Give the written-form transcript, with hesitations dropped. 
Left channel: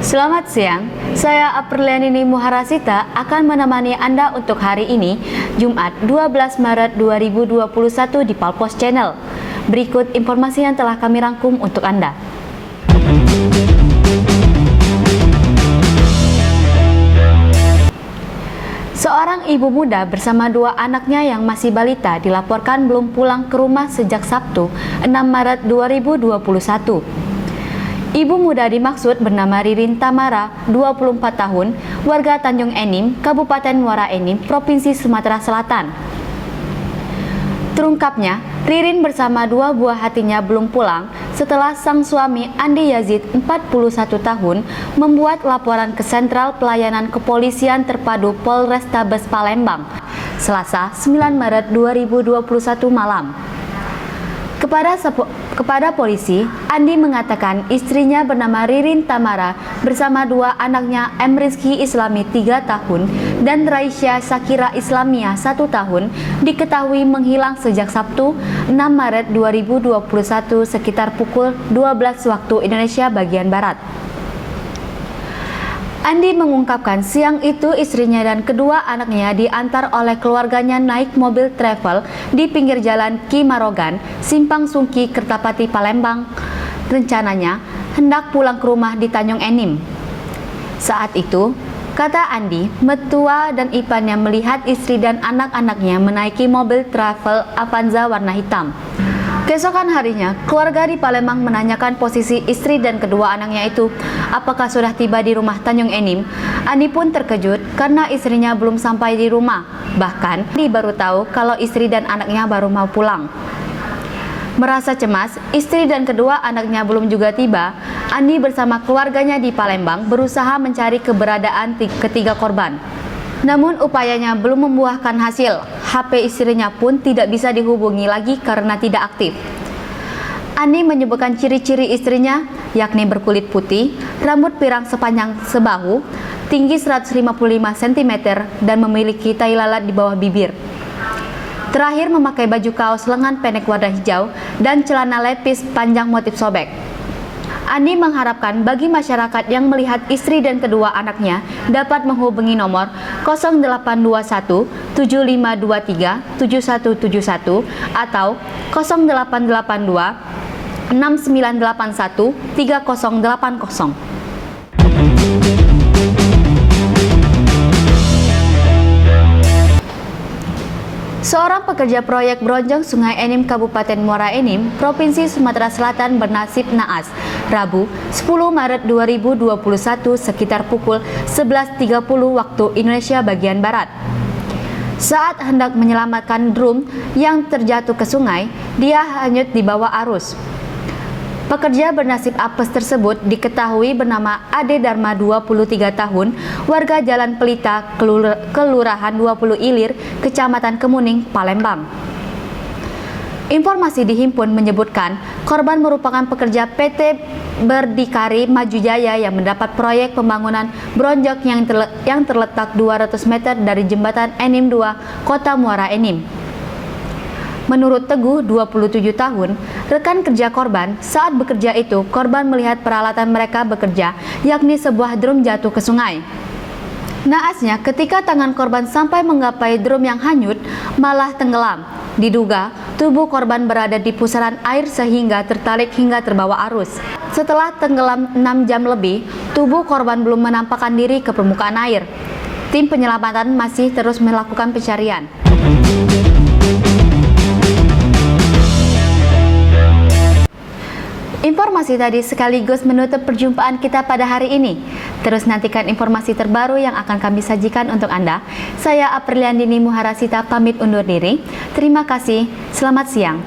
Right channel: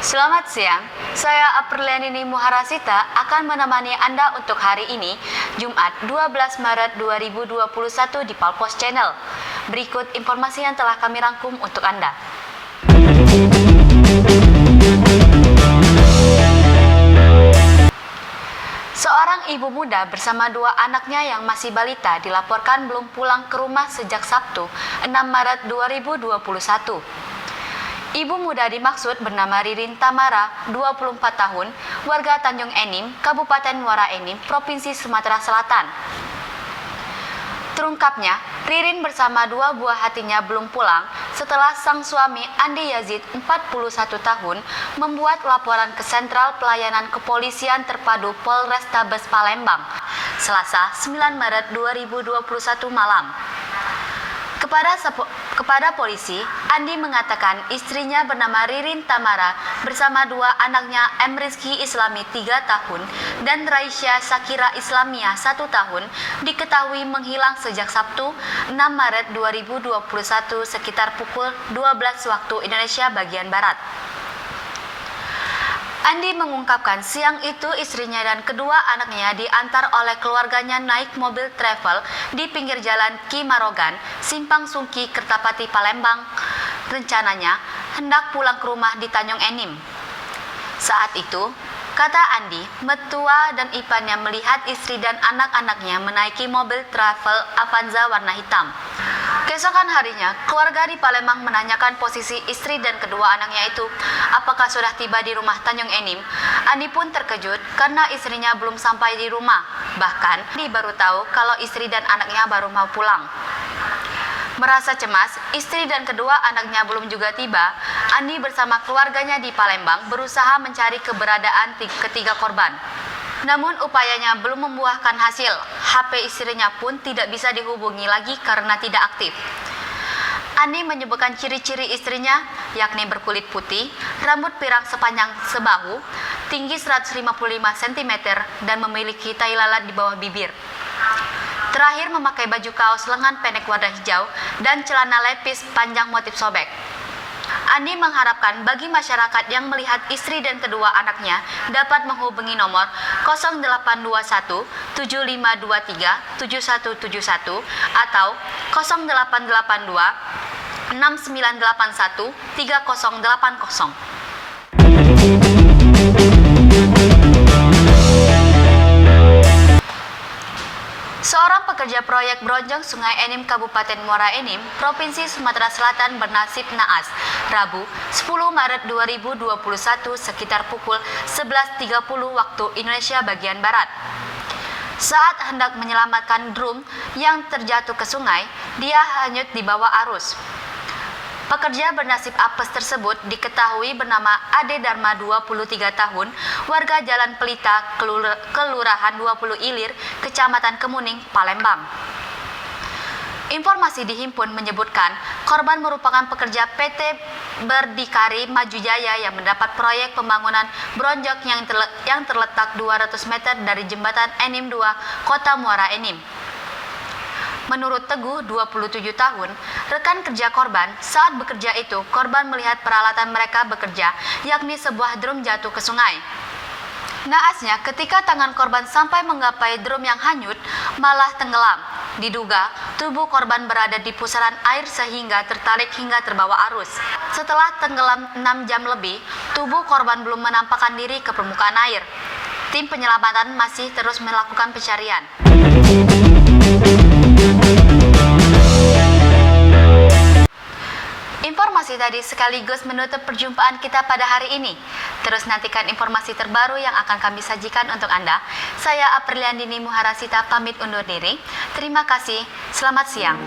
Selamat siang, saya Aprilianini Muharasita akan menemani Anda untuk hari ini, Jumat 12 Maret 2021 di Palpos Channel. Berikut informasi yang telah kami rangkum untuk Anda. Seorang ibu muda bersama dua anaknya yang masih balita dilaporkan belum pulang ke rumah sejak Sabtu, 6 Maret 2021. Ibu muda dimaksud bernama Ririn Tamara, 24 tahun, warga Tanjung Enim, Kabupaten Muara Enim, Provinsi Sumatera Selatan. Terungkapnya, Ririn bersama dua buah hatinya belum pulang setelah sang suami Andi Yazid, 41 tahun, membuat laporan ke Sentral Pelayanan Kepolisian Terpadu Polrestabes Palembang, Selasa 9 Maret 2021 malam. Kepada polisi, Andi mengatakan istrinya bernama Ririn Tamara bersama dua anaknya Rizky Islami 3 tahun dan Raisya Sakira Islamia 1 tahun diketahui menghilang sejak Sabtu 6 Maret 2021 sekitar pukul 12 waktu Indonesia bagian Barat. Andi mengungkapkan siang itu istrinya dan kedua anaknya diantar oleh keluarganya naik mobil travel di pinggir jalan Ki Marogan, Simpang Sungki, Kertapati, Palembang. Rencananya hendak pulang ke rumah di Tanjung Enim. Saat itu, kata Andi, mertua dan iparnya melihat istri dan anak-anaknya menaiki mobil travel Avanza warna hitam. Keesokan harinya, keluarga di Palembang menanyakan posisi istri dan kedua anaknya itu, apakah sudah tiba di rumah Tanjung Enim. Andi pun terkejut karena istrinya belum sampai di rumah. Bahkan, Andi baru tahu kalau istri dan anaknya baru mau pulang. Merasa cemas, istri dan kedua anaknya belum juga tiba. Andi bersama keluarganya di Palembang berusaha mencari keberadaan ketiga korban. Namun upayanya belum membuahkan hasil. HP istrinya pun tidak bisa dihubungi lagi karena tidak aktif. Andi menyebutkan ciri-ciri istrinya, yakni berkulit putih, rambut pirang sepanjang sebahu, tinggi 155 cm, dan memiliki tai lalat di bawah bibir. Terakhir memakai baju kaos lengan pendek warna hijau dan celana lepis panjang motif sobek. Andi mengharapkan bagi masyarakat yang melihat istri dan kedua anaknya dapat menghubungi nomor 0821 7523 7171 atau 0882 6981 3080. Seorang pekerja proyek Bronjong Sungai Enim Kabupaten Muara Enim, Provinsi Sumatera Selatan bernasib naas, Rabu 10 Maret 2021 sekitar pukul 11.30 waktu Indonesia bagian Barat. Saat hendak menyelamatkan drum yang terjatuh ke sungai, dia hanyut di bawah arus. Pekerja bernasib apes tersebut diketahui bernama Ade Dharma 23 tahun, warga Jalan Pelita, Kelurahan 20 Ilir, Kecamatan Kemuning, Palembang. Informasi dihimpun menyebutkan korban merupakan pekerja PT Berdikari Maju Jaya yang mendapat proyek pembangunan bronjong yang terletak 200 meter dari Jembatan Enim 2, Kota Muara Enim. Menurut Teguh, 27 tahun, rekan kerja korban, saat bekerja itu, korban melihat peralatan mereka bekerja, yakni sebuah drum jatuh ke sungai. Naasnya, ketika tangan korban sampai menggapai drum yang hanyut, malah tenggelam. Diduga, tubuh korban berada di pusaran air sehingga tertarik hingga terbawa arus. Setelah tenggelam 6 jam lebih, tubuh korban belum menampakkan diri ke permukaan air. Tim penyelamatan masih terus melakukan pencarian. Informasi tadi sekaligus menutup perjumpaan kita pada hari ini. Terus nantikan informasi terbaru yang akan kami sajikan untuk Anda. Saya Aprilianini Muharasita pamit undur diri. Terima kasih. Selamat siang.